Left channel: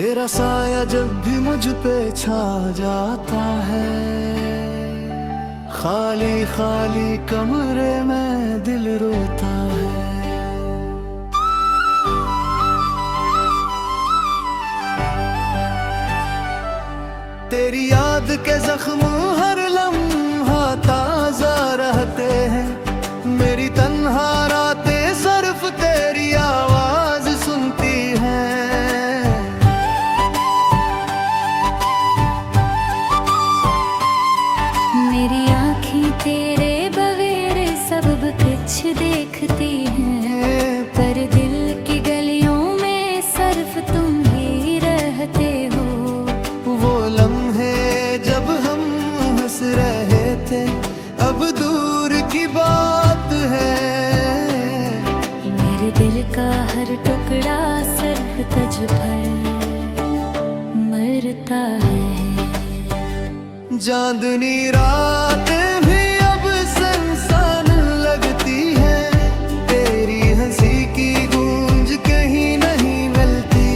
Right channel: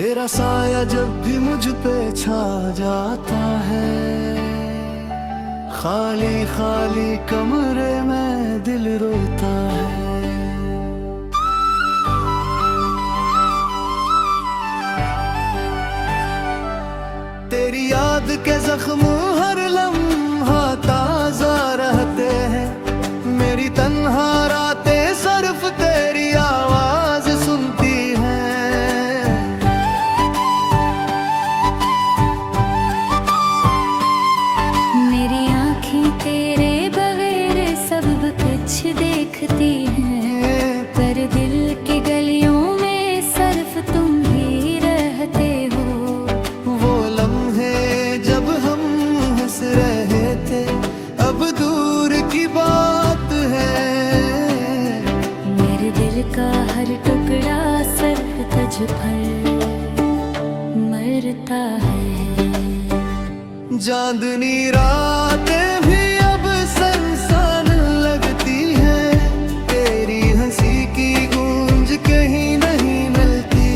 तेरा साया जब भी मुझ पे छा जाता है, खाली खाली कमरे में दिल रोता है। तेरी याद के जख्म हर लम्हा ताजा रहते हैं, मेरी तन्हा रातें सिर्फ तेरी आवाज सुनती हैं। मेरी आँखें तेरे बगैर सब कुछ देखती हैं, पर दिल की गलियों में सिर्फ तुम ही रहते हो। वो लम्हे जब हम हंस रहे थे अब दूर की बात है। मेरे दिल का हर टुकड़ा सर तज पर मरता है। चांदनी रातें भी अब सुनसान लगती हैं, तेरी हंसी की गूंज कहीं नहीं मिलती।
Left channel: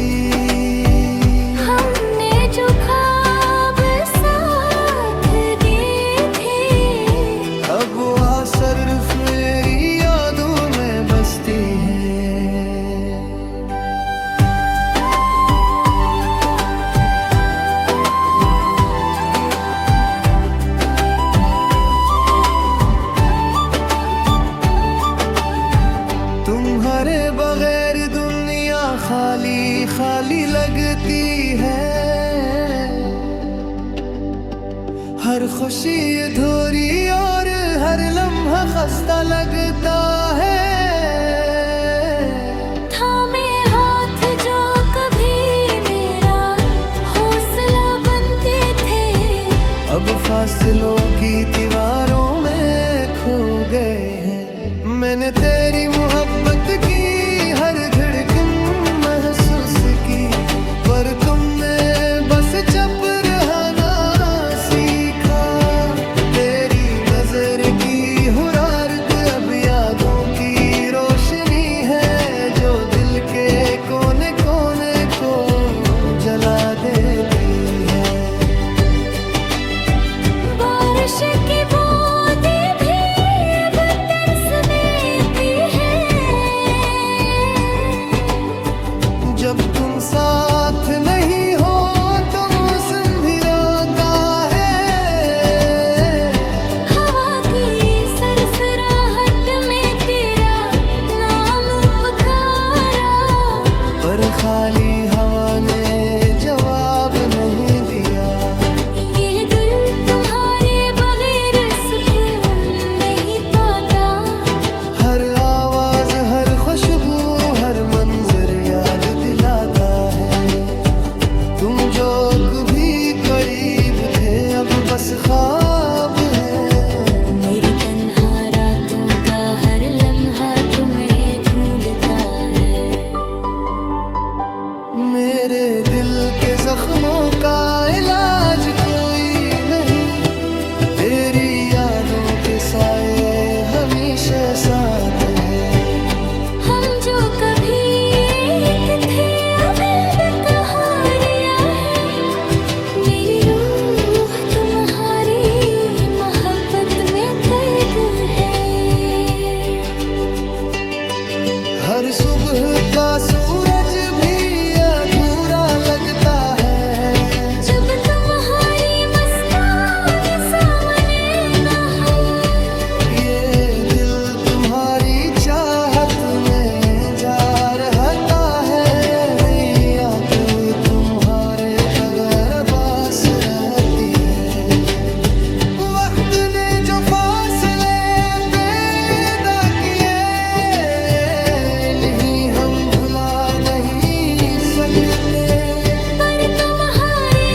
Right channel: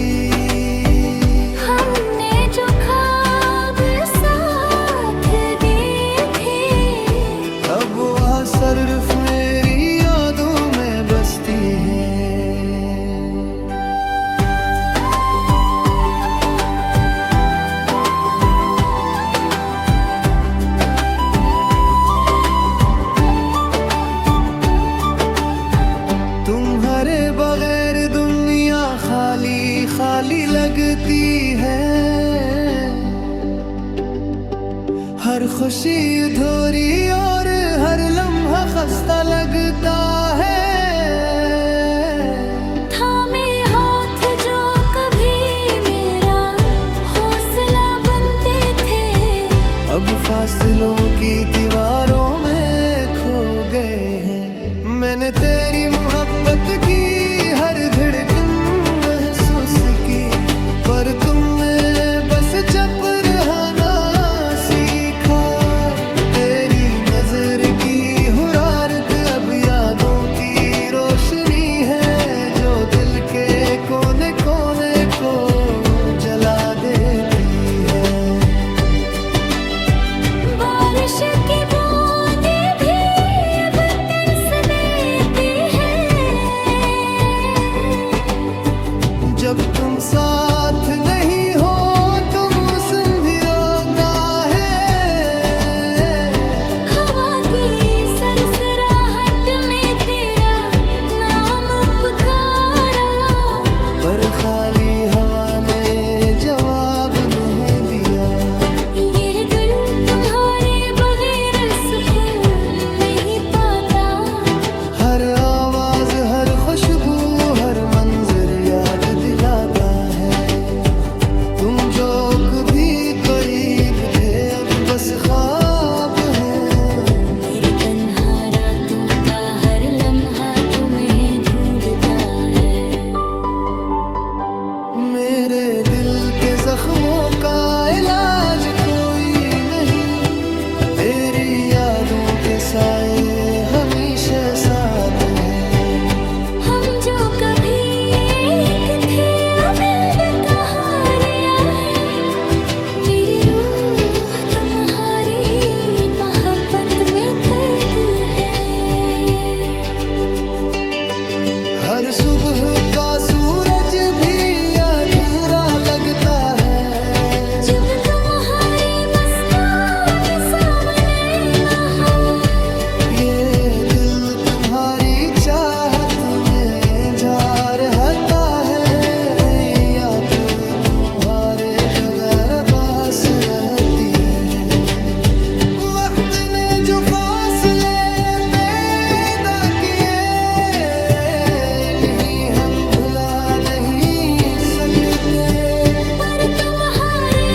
हमने जो ख्वाब साथ देखे अब वह सिर्फ मेरी यादों में बसती है। तुम्हारे बगैर दुनिया खाली खाली लगती है, हर खुशी अधूरी और हर लम्हा खस्ता लगता है। थामे हाथ जो कभी मेरा हौसला बनते थे, अब फासलों की दीवारों में खो गए हैं। मैंने तेरी मोहब्बत की हर धड़कन महसूस की, पर तुमने बस चुप रहना सीखा। तेरी नजर की हुरारत अब यादों की रोशनी है, जो दिल के कोने कोने को जला देती है। बारिश की बूंदें भी अब तरसती हैं, जब तुम साथ नहीं हो तो मौसम भी रोता है। हवा की सरसराहट में तेरा नाम पुकारा, पर खाली हवा ने जवाब नहीं दिया। ये दिल तुम्हारे बगैर सुकून नहीं पाता। हर आवाज हर खुशबू हर मंजर याद दिलाता है। तुम जो कभी करीब थे अब बस ख्वाब है। मेरी तन्हा रातों का हर लम्हा तुम्हें ढूंढता है। मेरे दिल के जख्मों का इलाज कोई नहीं, तेरी यादों के साए हमेशा साथ हैं। हम जो कभी एक थे अब कहारिया है, मेरी रूह तुम्हारी मोहब्बत में कैद है। हर सुबह का सूरज भी अधूरा लगता है, जब तुम्हारी मुस्कान सामने न हो। ये दिल तुम्हारी चाहत में जा रहता है। याद तुम्हारे बगैर बास रहती है। वक्त ने जो फासले पैदा किए नहीं हम भुला नहीं सकते, पर तुम्हारे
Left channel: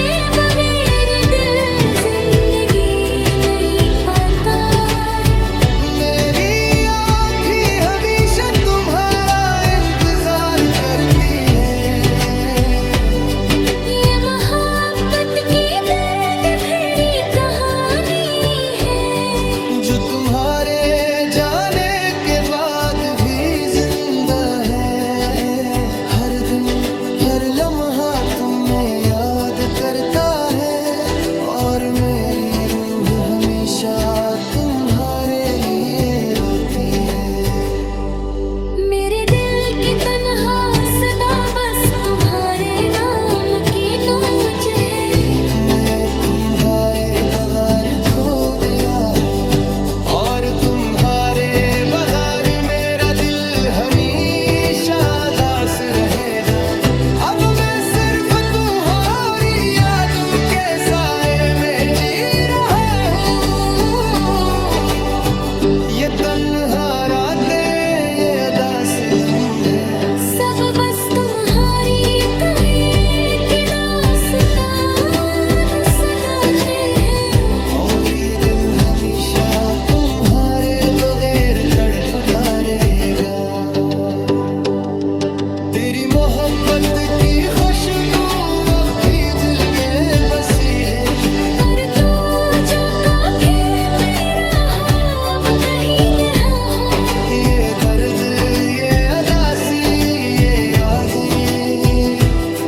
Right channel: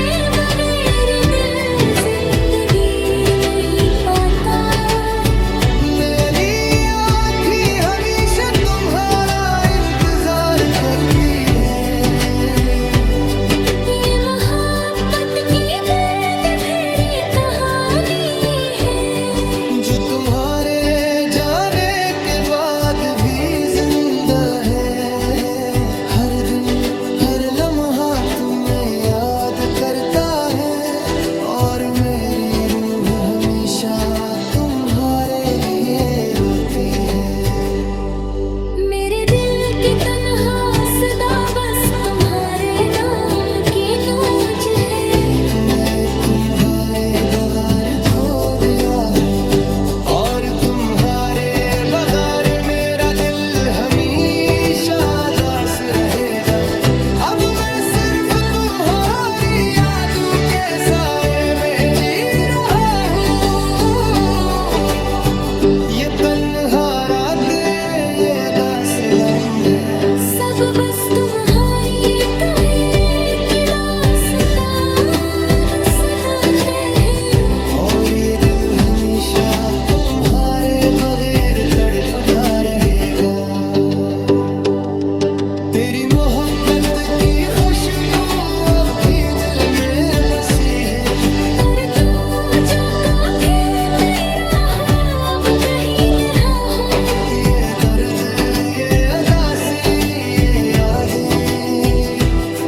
है और मेरी रूह हमेशा तुम्हारे लिए रोती है। मेरे दिल की तन्हा सदा बस तुम्हारे नाम की नूज है। मैं तुम्हारे बगैर खो गया हूँ और तुम्हारे बगैर मेरा दिल हमेशा दास रहेगा। अब मैं सिर्फ तुम्हारी यादों के साए में जी रहा हूँ। ये तन्हा रातें ये अदास लम्हे सब बस तुम्हारी कहे कि दास्तान सुनाते हैं। और ये दिल हमेशा तुम्हारे बगैर तड़पता रहेगा। तेरी मोहब्बत की खुशबू अब भी दिल में बसी है। पर तो जो काफी मेरा हो अब कहीं नहा हो। ये दर्द ये अदासी ये यादें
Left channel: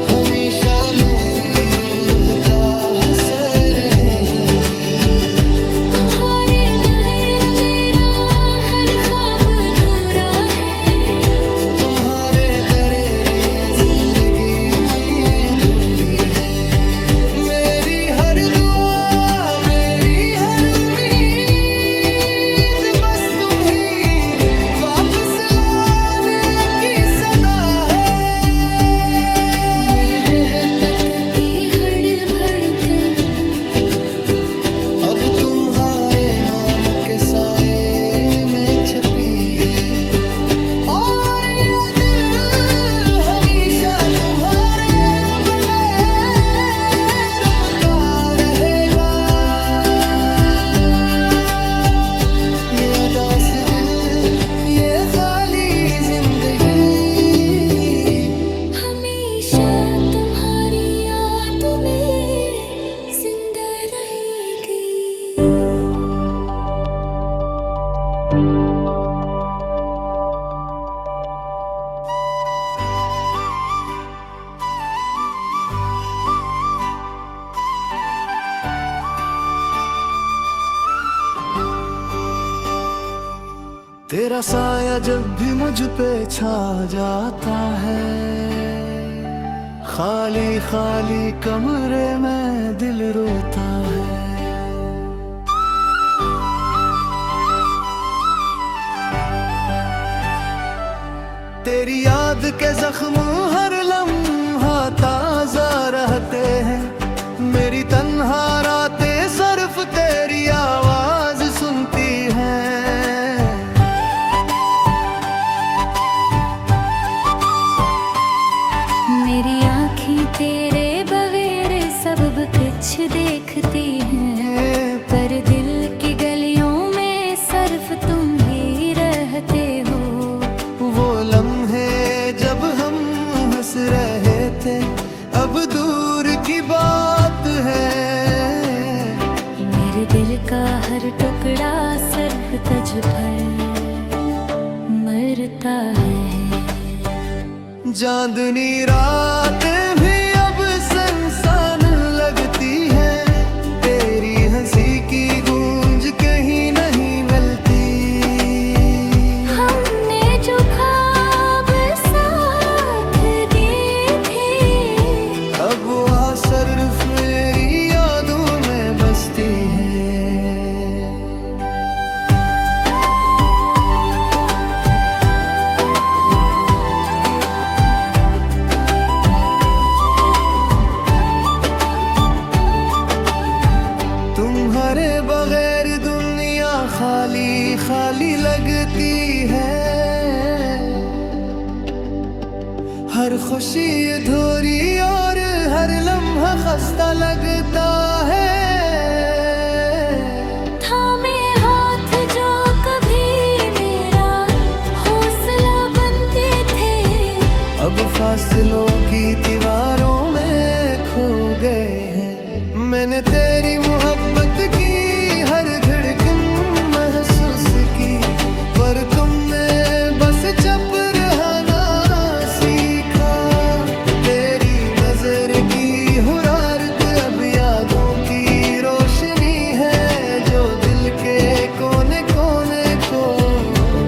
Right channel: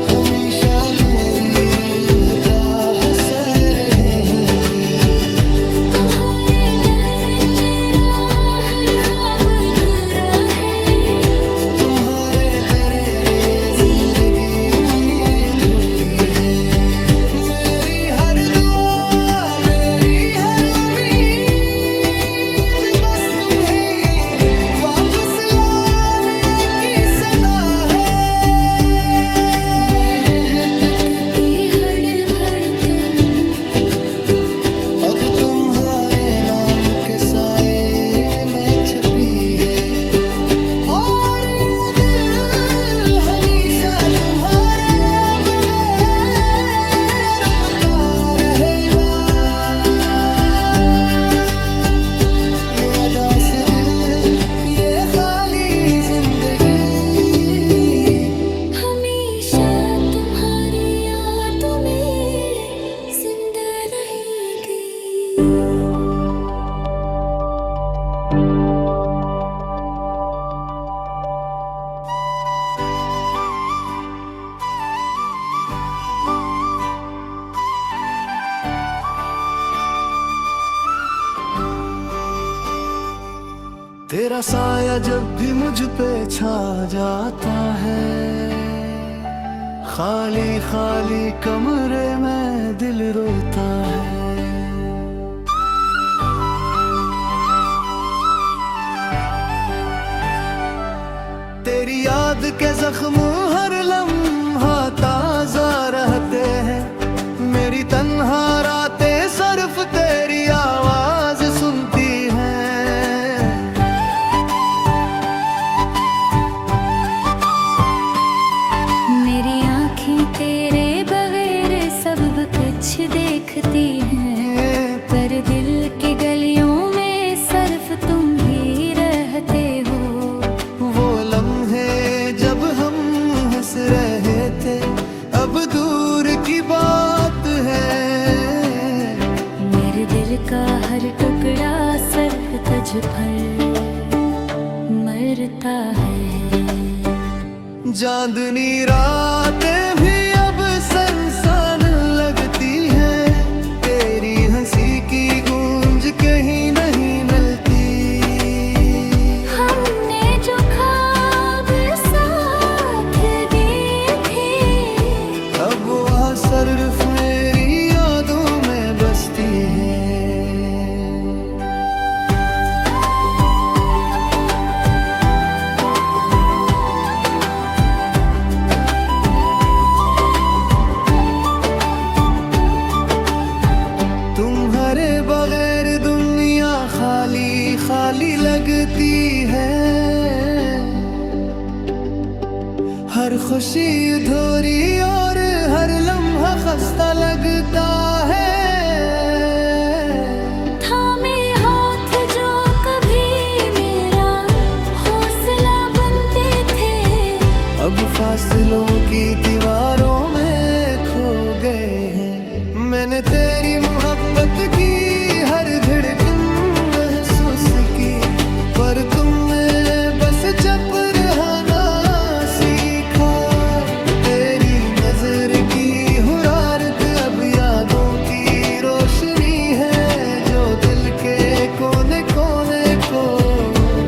हमेशा मेरी रूह का हसर रहेंगी। तुम्हारे बगैर मेरा हर ख्वाब पूरा है। तुम्हारे बगैर ये जिंदगी अधूरी है। मेरी हर दुआ मेरी हर उम्मीद बस तुम ही वापस लाने की सदा है। मोहब्बत की हर धड़कन अब तुम्हारे नाम के साए में छपी है। और ये दिल हमेशा तुम्हारे बगैर रोता रहेगा। ये अदास दिल ये खाली जिंदगी हमेशा तुम्हारी यादों में जिंदा रहेगी। तेरा साया जब भी मुझ पे छा जाता है। खाली खाली कमरे में दिल रोता है। तेरी याद के जख्म हर लम्हा ताजा रहते हैं। मेरी तन्हा रातें सिर्फ तेरी आवाज सुनती हैं। मेरी आँखें तेरे बगैर सब कुछ देखती हैं। पर दिल की गलियों में सिर्फ तुम ही रहते हो। वो लम्हे जब हम हंस रहे थे अब दूर की बात है। मेरे दिल का हर टुकड़ा सिर्फ तुझ पर मरता है। चांदनी रातें भी अब सुनसान लगती हैं। तेरी हंसी की गूंज कहीं नहीं मिलती। हमने जो ख्वाब साथ दिए थे अब वह सिर्फ मेरी यादों में बसती है। तुम्हारे बगैर दुनिया खाली खाली लगती है। हर खुशी अधूरी और हर लम्हा खस्ता लगता है। थामे हाथ जो कभी मेरा हौसला बनते थे अब फासलों की दीवारों में खो गए हैं। मैंने तेरी मोहब्बत की हर धड़कन महसूस की। पर तुमने बस चुप रहना सीखा। तेरी नजर की हुरारत अब कोने कोने को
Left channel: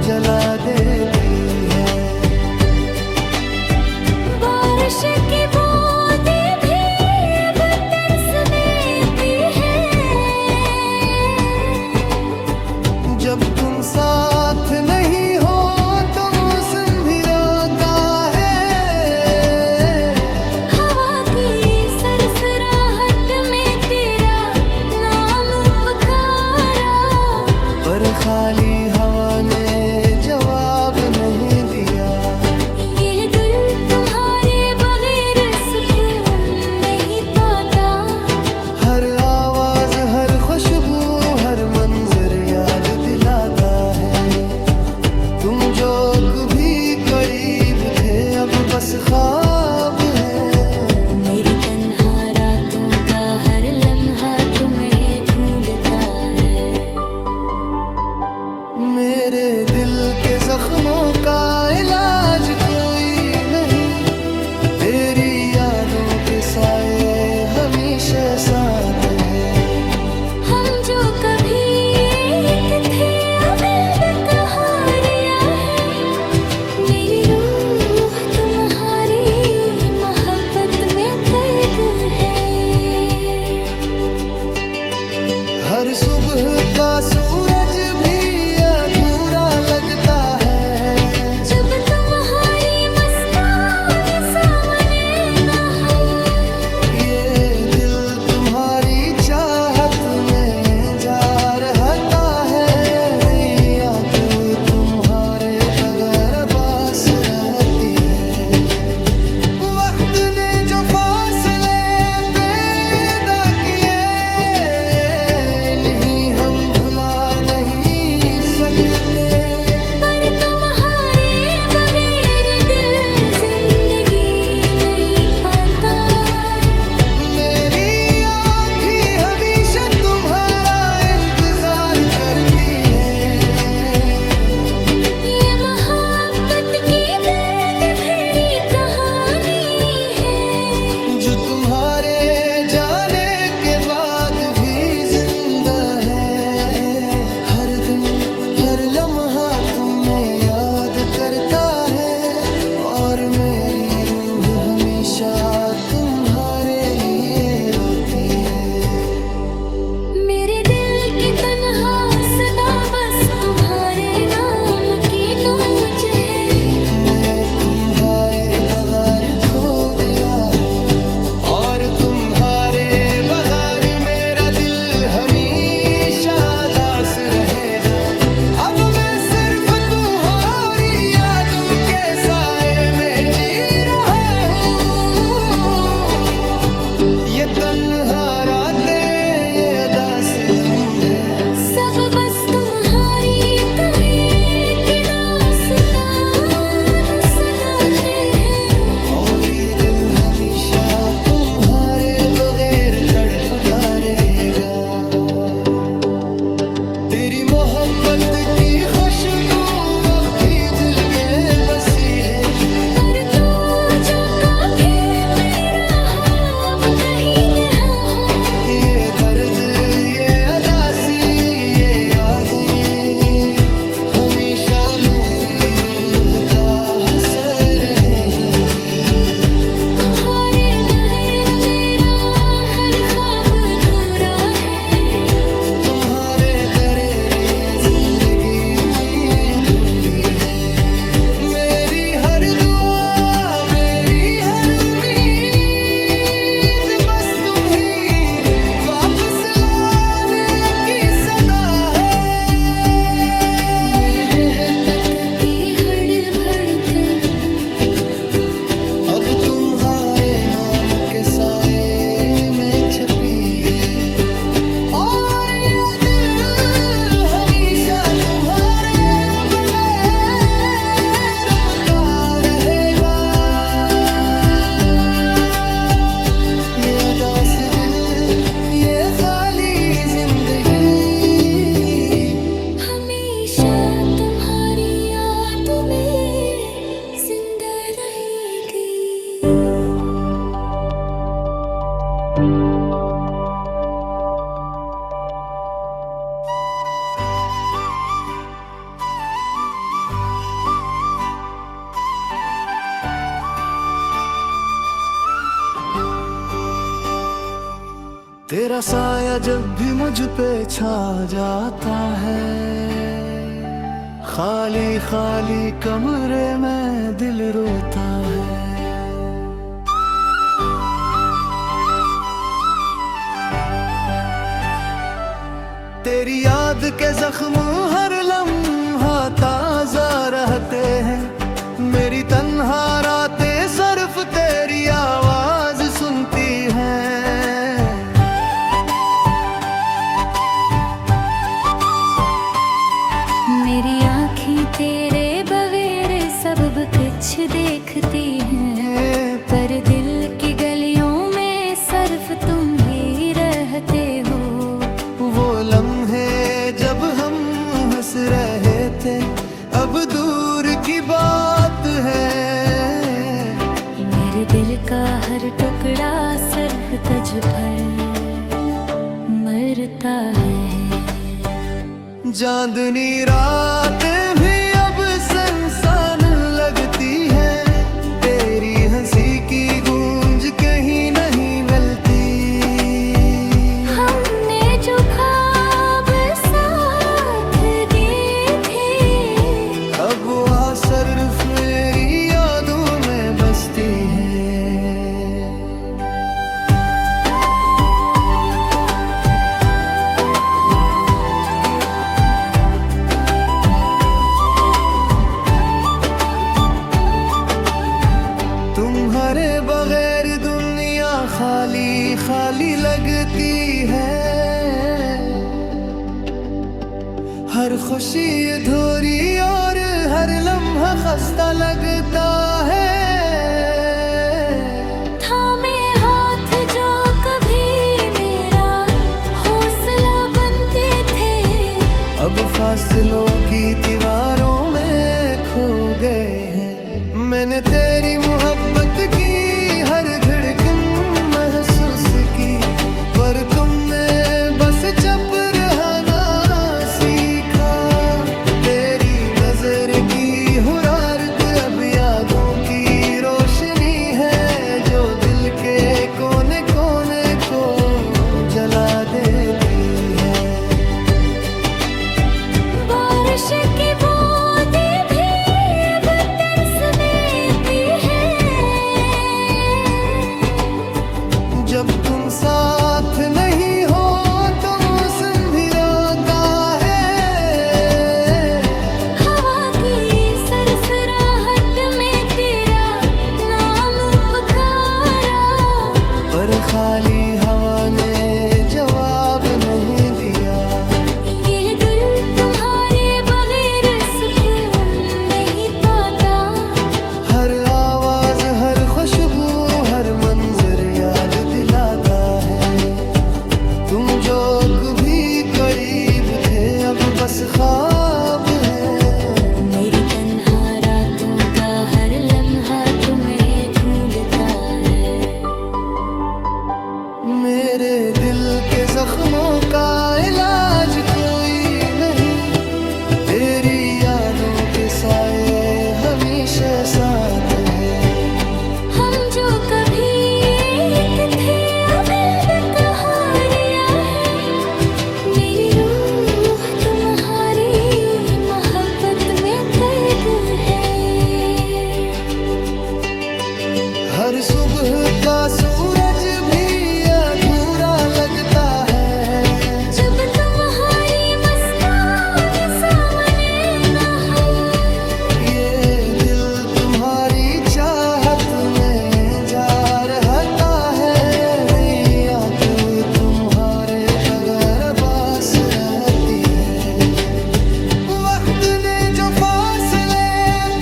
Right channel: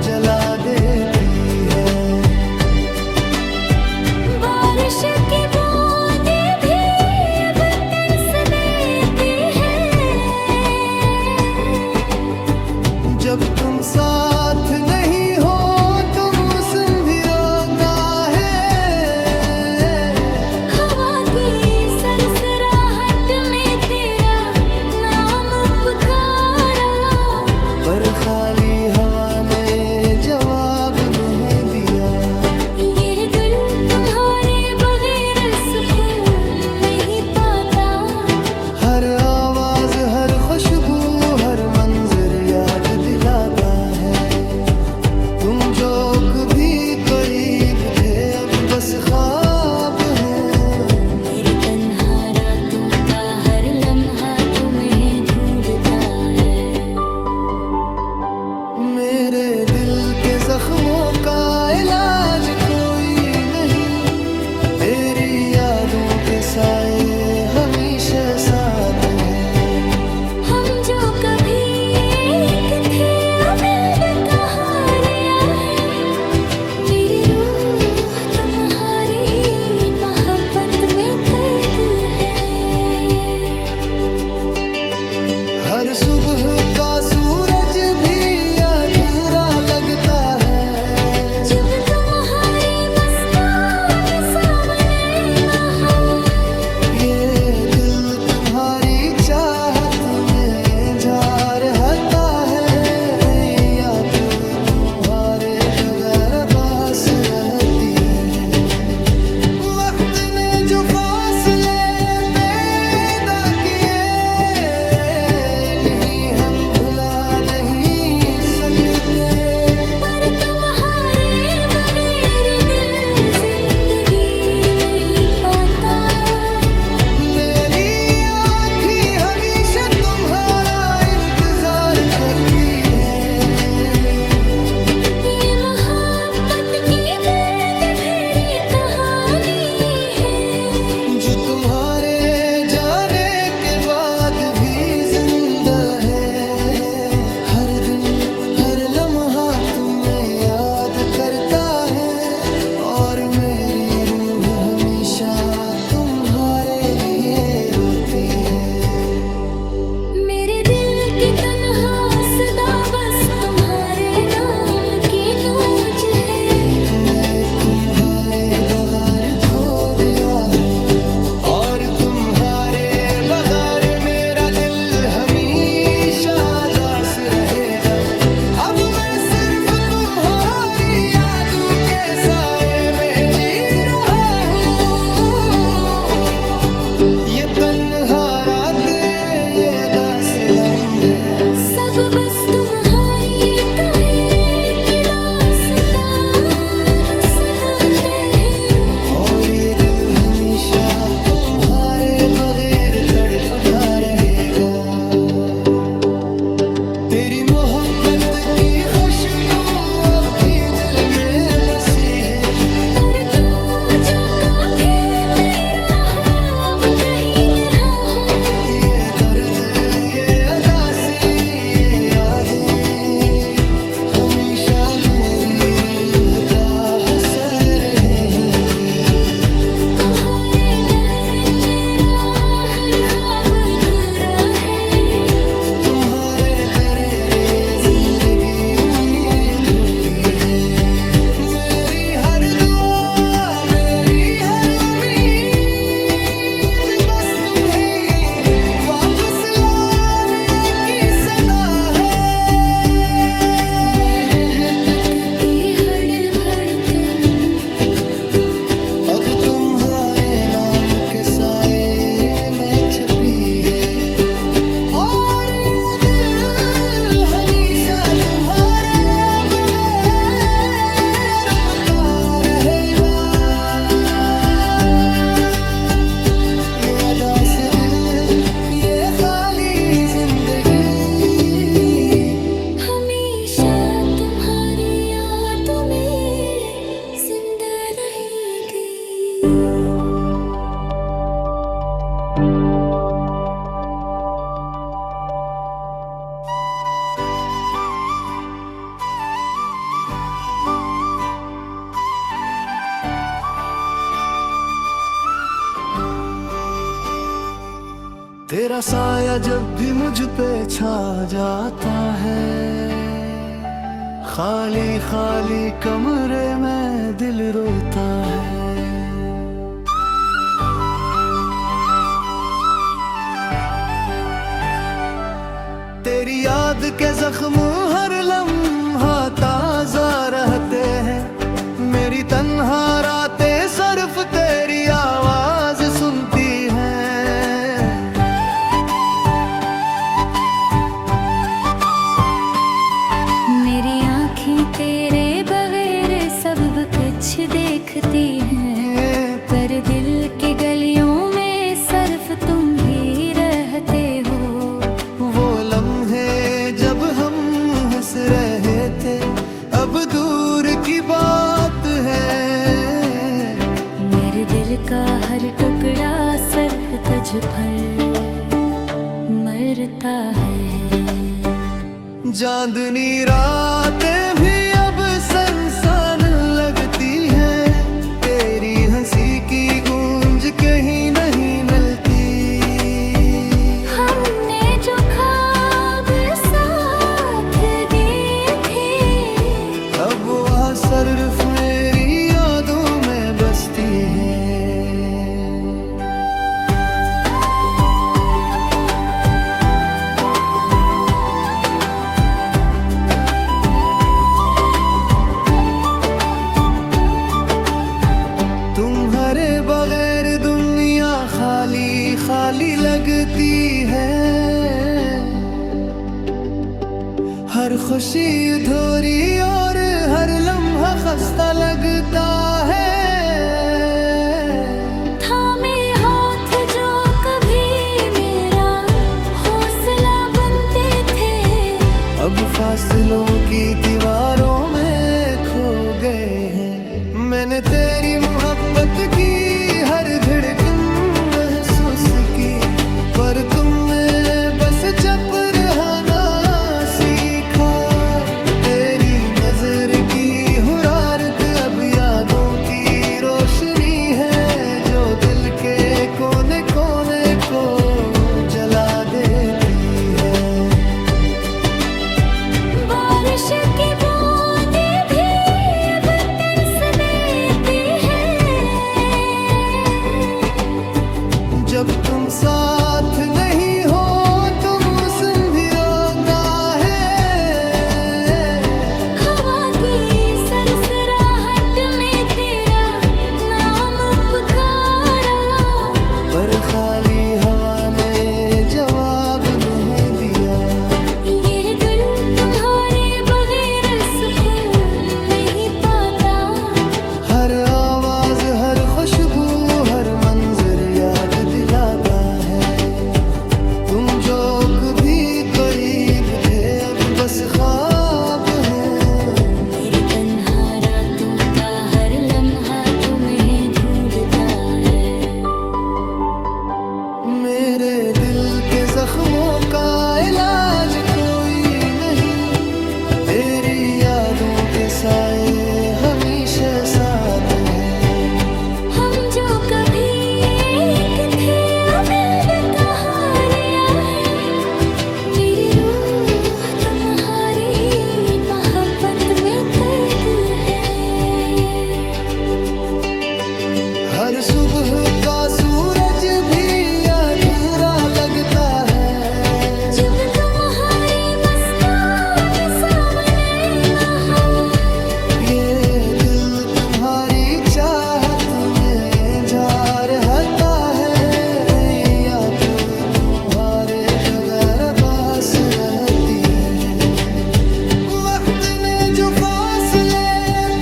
जला देती है। बारिश की बूंदें भी अब तरसने भी है। जब तुम साथ नहीं हो तो मौसम भी रोता है। हवा की सरसराहट में तेरा नाम पुकारा, पर खाली हवा ने जवाब नहीं दिया। ये दिल तुम्हारे बगैर सुकून नहीं पाता। हर आवाज, हर खुशबू, हर मंजर याद दिलाता है। तुम जो कभी करीब थे अब बस ख्वाब है। मेरी तन्हा रातों का हर लम्हा तुम्हें ढूंढता है। मेरे दिल के जख्मों का इलाज कोई नहीं, तेरी यादों के साए हमेशा साथ है। हम जो कभी एक थे अब कहाँ रहे। मेरी रूह तुम्हारी मोहब्बत में कैद है। हर सुबह का सूरज भी अधूरा लगता है। जब तुम्हारी मुस्कान सामने न हो। ये दिल तुम्हारी चाहत में जा रहता है। याद तुम्हारे बगैर बास रहती है। वक्त ने जो फासले पैदा किए नहीं हम भुला नहीं सकते। पर तुम्हारे बगैर दिल जिंदगी नहीं पाता। मेरी आँखें हमेशा तुम्हारा इंतजार करती है। ये मोहब्बत की दर्द भरी कहानी है, जो तुम्हारे जाने के बाद भी जिंदा है। हर दिन हर लम्हा तुम्हें याद करता है। और मेरी रूह हमेशा तुम्हारे लिए रोती है। मेरे दिल की तन्हा सदा बस तुम्हारे नाम की नोच है। मैं तुम्हारे बगैर खो गया हूँ, और तुम्हारे बगैर मेरा दिल हमेशा दास रहेगा। अब मैं सिर्फ तुम्हारी यादों के साए में जी रहा हूँ। ये तन्हा रातें, ये अदास लम्हे, सब बस तुम्हारी कहे कि दास्तान सुनाते हैं। और ये दिल हमेशा तुम्हारे बगैर तड़पता रहेगा। तेरी मोहब्बत की खुशबू अब भी दिल में बसी है। पर तो जो कभी मेरा हो अब कहीं न हो। ये दर्द, ये अदासी, ये यादें हमेशा मेरी रूह का हसर रहेंगी। तुम्हारे बगैर मेरा हर ख्वाब अधूरा है। तुम्हारे बगैर ये जिंदगी अधूरी है। मेरी हर दुआ, मेरी हर उम्मीद बस तुम ही वापस लाने की सदा है। मेरे तक की हर धड़कन अब तुम्हारे नाम के साए में छपी है। और ये दिल हमेशा तुम्हारे बगैर रोता रहेगा। ये अदास दिल, ये खाली जिंदगी हमेशा तुम्हारी यादों में जिंदा रहेगी। तेरा साया जब भी मुझ पे छा जाता है, खाली खाली कमरे में दिल रोता है। तेरी याद के जख्म हर लम्हा ताजा रहते हैं, मेरी तन्हा रातें सिर्फ तेरी आवाज सुनती हैं। मेरी आँखें तेरे बगैर सब कुछ देखती हैं, पर दिल की गलियों में सिर्फ तुम ही रहते हो। वो लम्हे जब हम हंस रहे थे अब दूर की बात है। मेरे दिल का हर टुकड़ा सर तज पर मरता है। चांदनी रातें भी अब सुनसान लगती हैं, तेरी हंसी की गूंज कहीं नहीं मिलती। हमने जो ख्वाब साथ देखे अब वह सिर्फ मेरी यादों में बसती है। तुम्हारे बगैर दुनिया खाली खाली लगती है, हर खुशी अधूरी और हर लम्हा खस्ता लगता है। थामे हाथ जो कभी मेरा हौसला बनते थे, अब फासलों की दीवारों में खो गए हैं। मैंने तेरी मोहब्बत की हर धड़कन महसूस की, पर तुमने बस चुप रहना सीखा। तेरी नजर की हुरारत अब यादों की रोशनी है, जो दिल के कोने कोने को जला देती है। बारिश की बूंदें भी अब तरसती हैं, जब तुम साथ नहीं हो तो मौसम भी रोता है। हवा की सरसराहट में तेरा नाम पुकारा, पर खाली हवा ने जवाब नहीं दिया। ये दिल तुम्हारे बगैर सुकून नहीं पाता। हर आवाज हर खुशबू हर मंजर याद दिलाता है। तुम जो कभी करीब थे अब बस ख्वाब है। मेरी तन्हा रातों का हर लम्हा तुम्हें ढूंढता है। मेरे दिल के जख्मों का इलाज कोई नहीं, तेरी यादों के साए हमेशा साथ हैं। हम जो कभी एक थे अब कहारिया है, मेरी रूह तुम्हारी मोहब्बत में कैद है। हर सुबह का सूरज भी अधूरा लगता है, जब तुम्हारी मुस्कान सामने न हो। ये दिल तुम्हारी चाहत में जा रहता है। याद तुम्हारे बगैर बास रहती है। वक्त ने जो फासले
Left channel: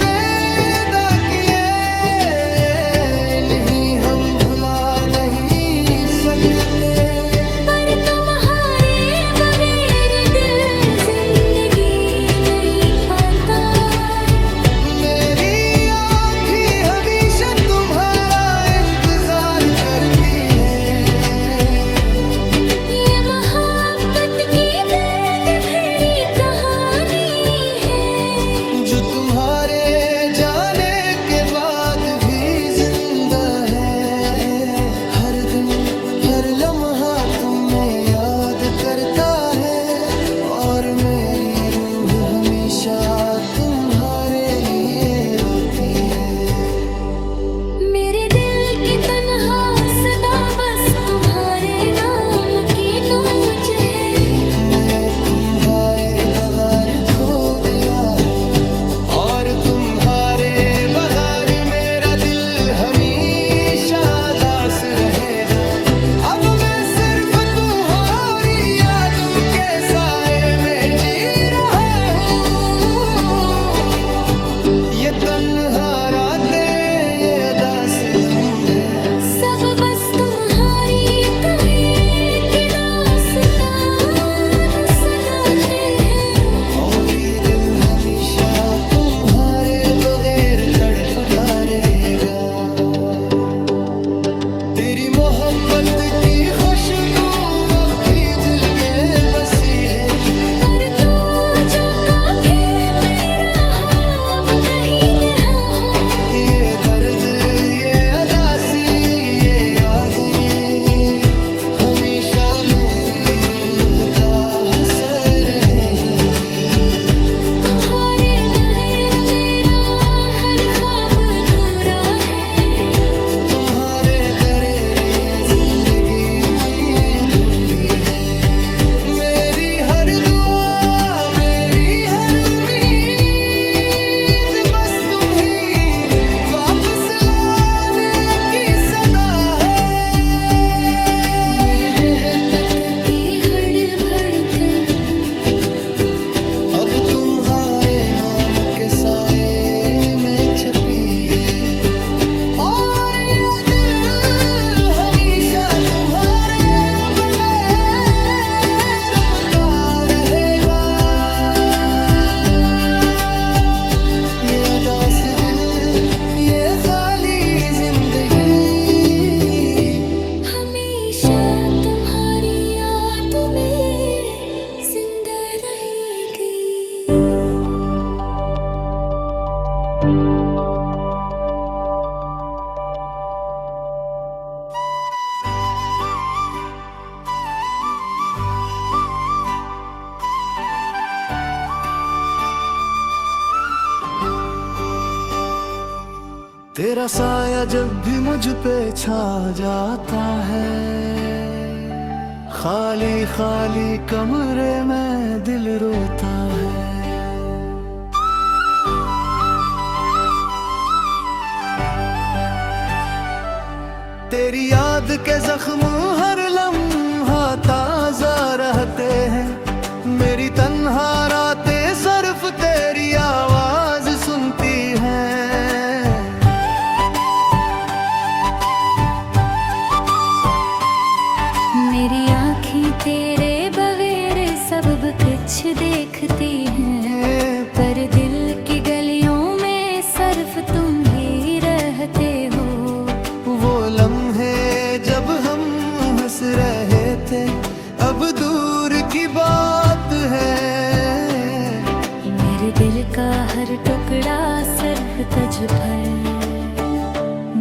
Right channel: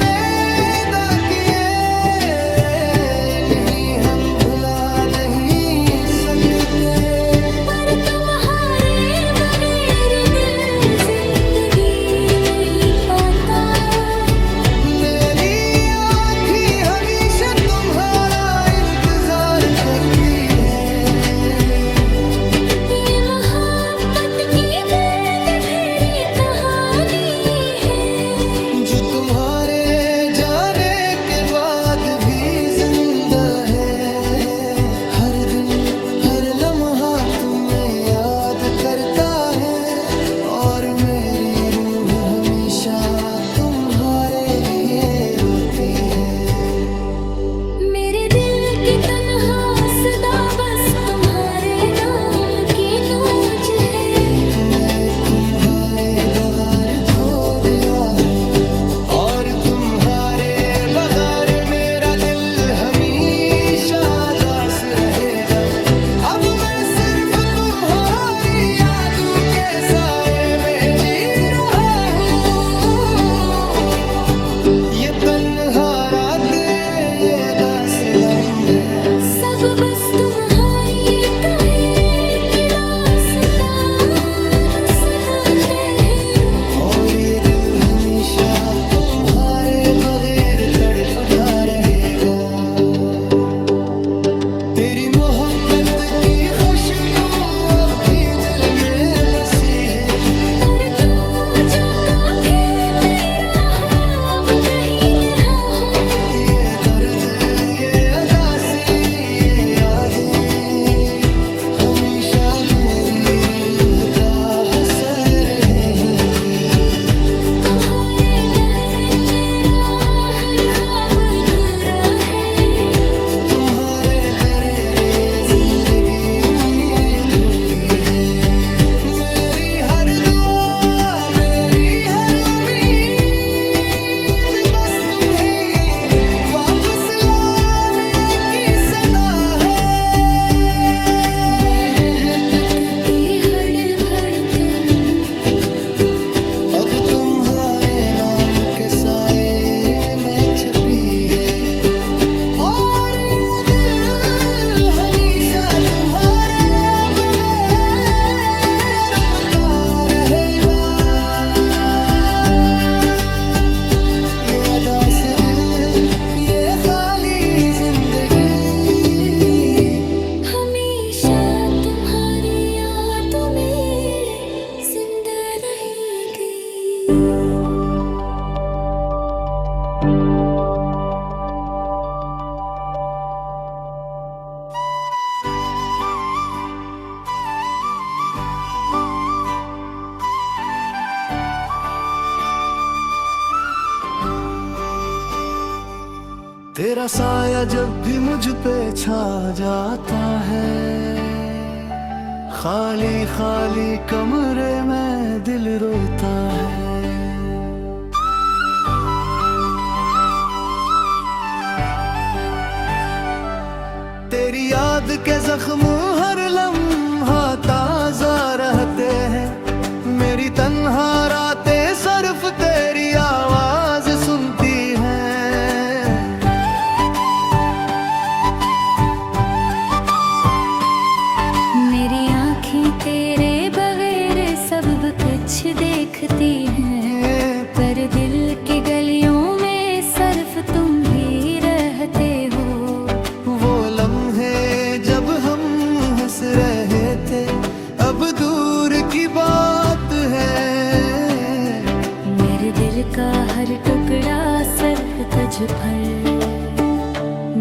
पैदा किए नहीं हम भुला नहीं सकते। पर तुम्हारे बगैर दिल जिंदगी नहीं पाता। मेरी आँखें हमेशा तुम्हारा इंतजार करती है। ये मोहब्बत की दर्द भरी कहानी है, याद करता है और मेरी रूह हमेशा तुम्हारे लिए रोती है। मेरे दिल की तन्हा सदा बस तुम्हारे नाम की नूज है। मैं तुम्हारे बगैर खो गया हूँ और तुम्हारे बगैर मेरा दिल हमेशा दास रहेगा। अब मैं सिर्फ तुम्हारी यादों के साए में जी रहा हूँ। ये तन्हा रातें, ये अदास लम्हे, सब बस तुम्हारी कहे कि दास्तान सुनाते हैं। और ये दिल हमेशा तुम्हारे बगैर तड़पता रहेगा। तेरी मोहब्बत की खुशबू अब भी दिल में बसी है। पर तो जो काफी मेरा हो अब कहीं नहा हो। ये दर्द, ये अदासी, ये यादें हमेशा मेरी रूह का हसर रहेंगी। तुम्हारे बगैर मेरा हर ख्वाब अधूरा है। तुम्हारे बगैर ये जिंदगी अधूरी है। मेरी हर दुआ, मेरी हर उम्मीद बस तुम ही वापस लाने की सदा है। मैं तकती हर धड़कन अब तुम्हारे नाम के साए में छपी है। और ये दिल हमेशा तुम्हारे बगैर रोता रहेगा। ये अदास दिल, ये खाली जिंदगी हमेशा तुम्हारी यादों में जिंदा रहेगी। तेरा साया जब भी मुझ पे छा जाता है, खाली खाली कमरे में दिल रोता है। तेरी याद के जख्म हर लम्हा ताजा रहते हैं। मेरी तन्हा रातें सिर्फ तेरी आवाज सुनती हैं। मेरी आँखें तेरे बगैर सब कुछ देखती हैं, पर दिल की गलियों में सिर्फ तुम ही रहते हो। वो लम्हे जब हम हंस रहे थे अब दूर की बात है। मेरे दिल का हर टुकड़ा सर तज पर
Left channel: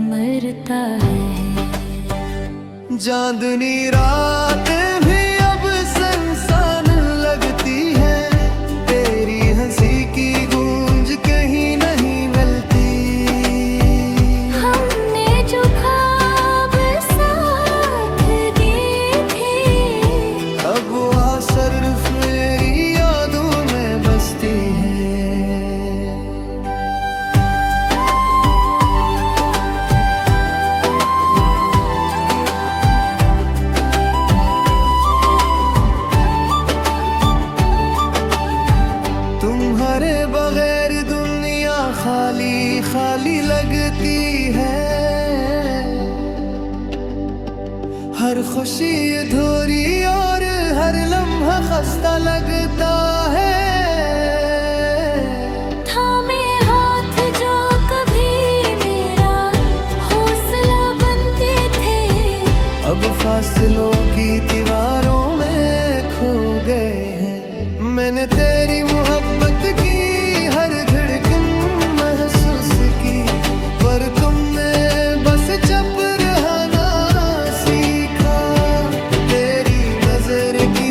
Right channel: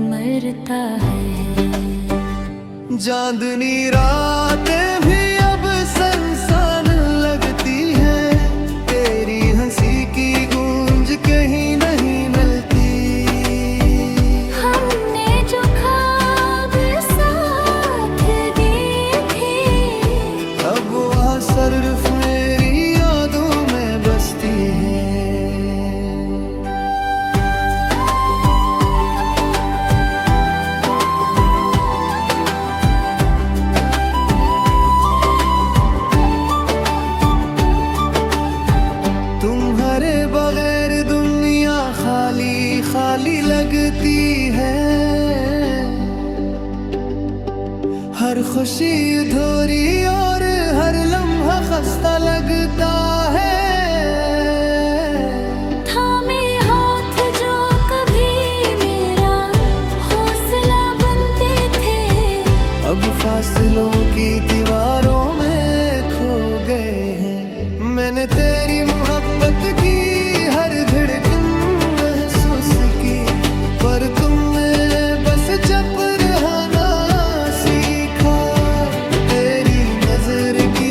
मरता है। चांदनी रातें भी अब सुनसान लगती हैं। तेरी हंसी की गूंज कहीं नहीं मिलती। हमने जो ख्वाब साथ दिए थे अब वो सिर्फ मेरी यादों में बसती है। तुम्हारे बगैर दुनिया खाली खाली लगती है। हर खुशी अधूरी और हर लम्हा खस्ता लगता है। थामे हाथ जो कभी मेरा हौसला बनते थे, अब फासलों की दीवारों में खो गए हैं। मैंने तेरी मोहब्बत की हर धड़कन महसूस की, पर तुमने बस चुप रहना सीखा। तेरी नजर की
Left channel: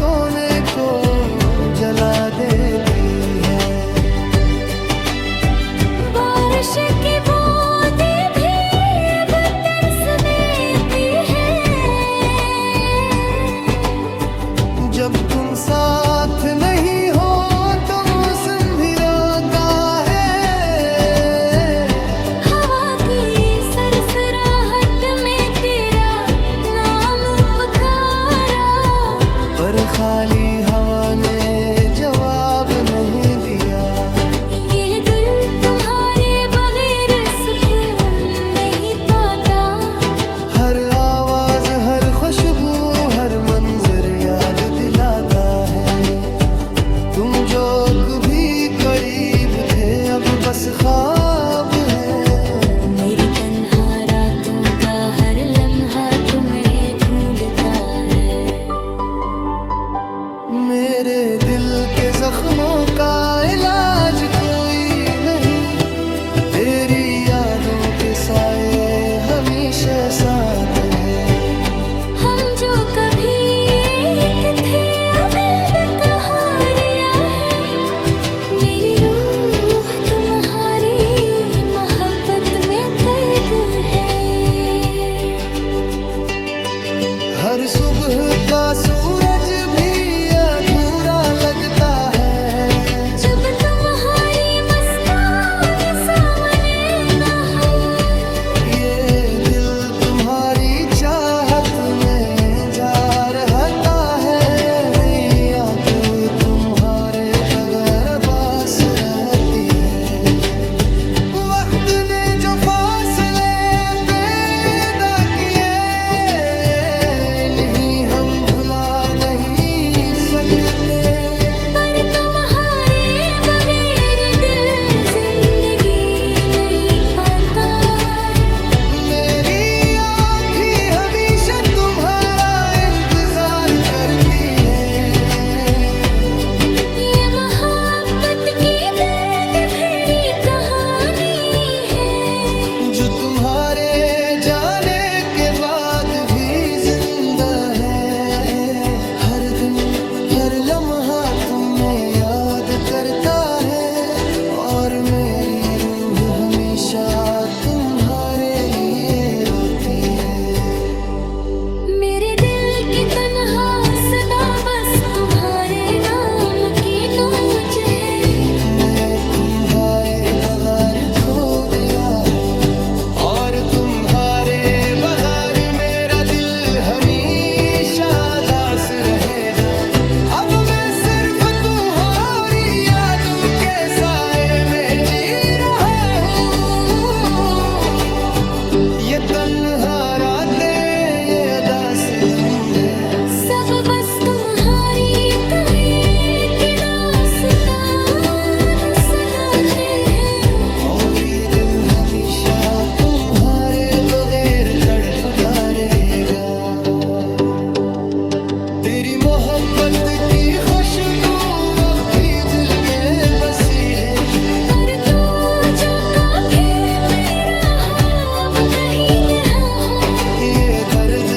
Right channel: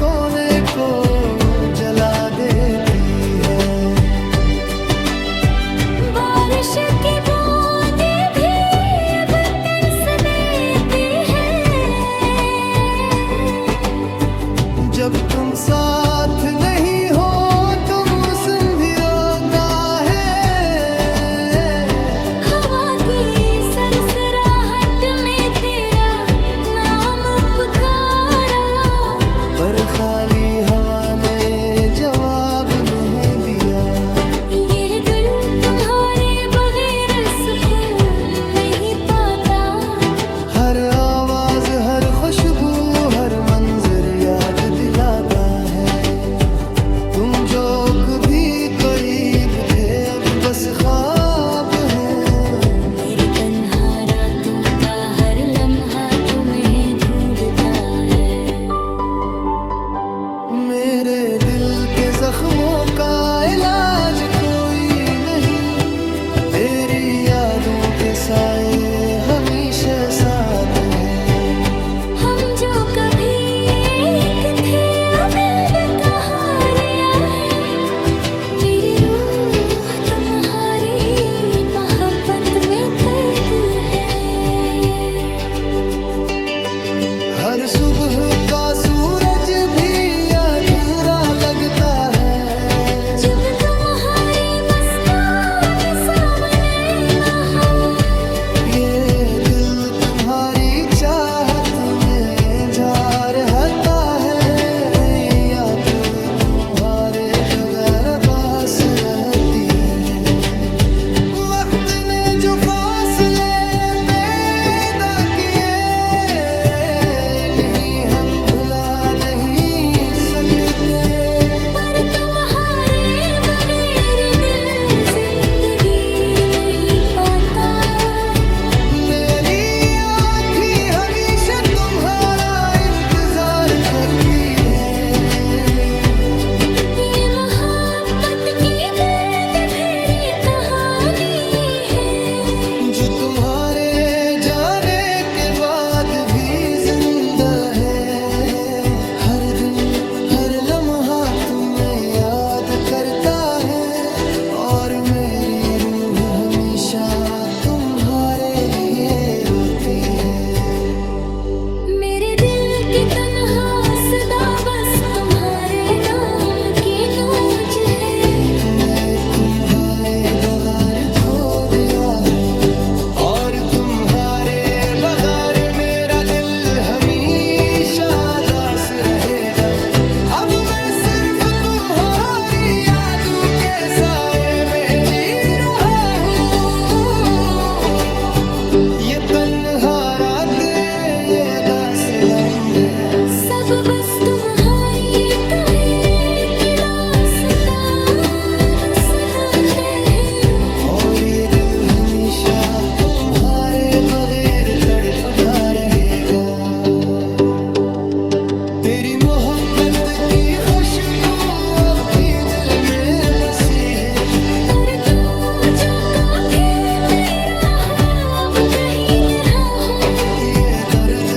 कोने को जला देती है। बारिश की बूंदें भी अब तरसने भी है। जब तुम साथ नहीं हो तो मौसम भी रोता है। हवा की सरसराहट में तेरा नाम पुकारा, पर खाली हवा ने जवाब नहीं दिया। ये दिल तुम्हारे बगैर सुकून नहीं पाता। हर आवाज, हर खुशबू, हर मंजर याद दिलाता है। तुम जो कभी करीब थे अब बस ख्वाब है। मेरी तन्हा रातों का हर लम्हा तुम्हें ढूंढता है। मेरे दिल के जख्मों का इलाज कोई नहीं, तेरी यादों के साए हमेशा साथ है। हम जो कभी एक थे अब कहारियां है। मेरी रूह तुम्हारी मोहब्बत में कैद है। हर सुबह का सूरज भी अधूरा लगता है। जब तुम्हारी मुस्कान सामने ना हो। ये दिल तुम्हारी चाहत में जा रहता है। याद तुम्हारे बगैर बास रहती है। वक्त ने जो फासले पैदा किए नहीं हम भुला नहीं सकते। पर तुम्हारे बगैर दिल जिंदगी नहीं पाता। मेरी आँखें हमेशा तुम्हारा इंतजार करती है। ये मोहब्बत की दर्द भरी कहानी है, जो तुम्हारे जाने के बाद भी जिंदा है। हर दिन हर लम्हा तुम्हें याद करता है। और मेरी रूह हमेशा तुम्हारे लिए रोती है। मेरे दिल की तन्हा सदा बस तुम्हारे नाम की नोच है। मैं तुम्हारे बगैर खो गया हूँ, और तुम्हारे बगैर मेरा दिल हमेशा दास रहेगा। अब मैं सिर्फ तुम्हारी यादों के साए में जी रहा हूँ। ये तन्हा रातें, ये अदास लम्हे, सब बस तुम्हारी कहे कि दास्तान सुनाते हैं। और ये दिल हमेशा तुम्हारे बगैर तड़पता रहेगा। तेरी मोहब्बत की खुशबू अब भी दिल में बसी है। पर तो जो काफी मेरा हो अब कहीं नहा हो। ये दर्द,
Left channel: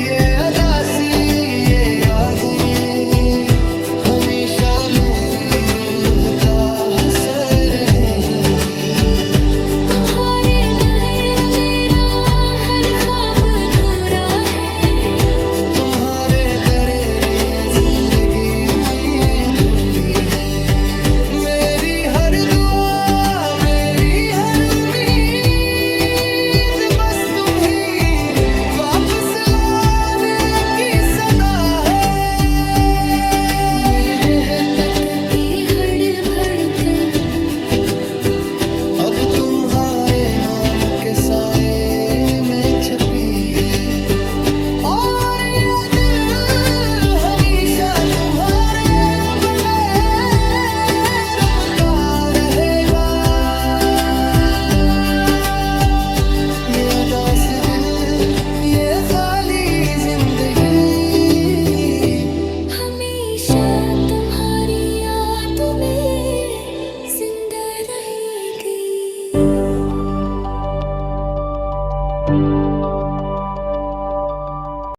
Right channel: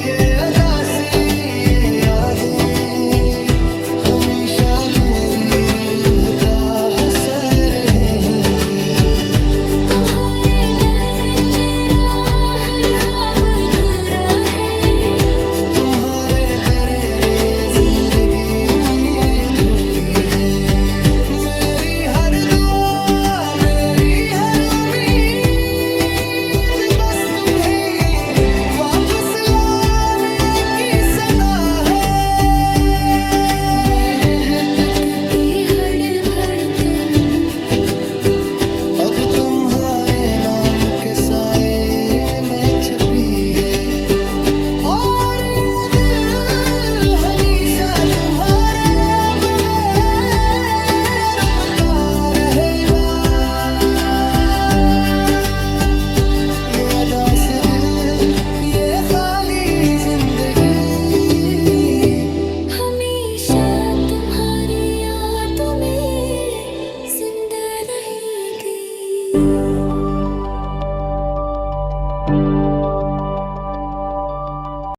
ये अदासी, ये यादें हमेशा मेरी रूह का हसर रहेंगी। तुम्हारे बगैर मेरा हर ख्वाब पूरा है। तुम्हारे बगैर ये जिंदगी अधूरी है। मेरी हर दुआ, मेरी हर उम्मीद बस तुम ही वापस लाने की सदा है। मोहब्बत की हर धड़कन अब तुम्हारे नाम के साए में छपी है। और ये दिल हमेशा तुम्हारे बगैर रुकता रहेगा। ये अदास दिल, ये खाली जिंदगी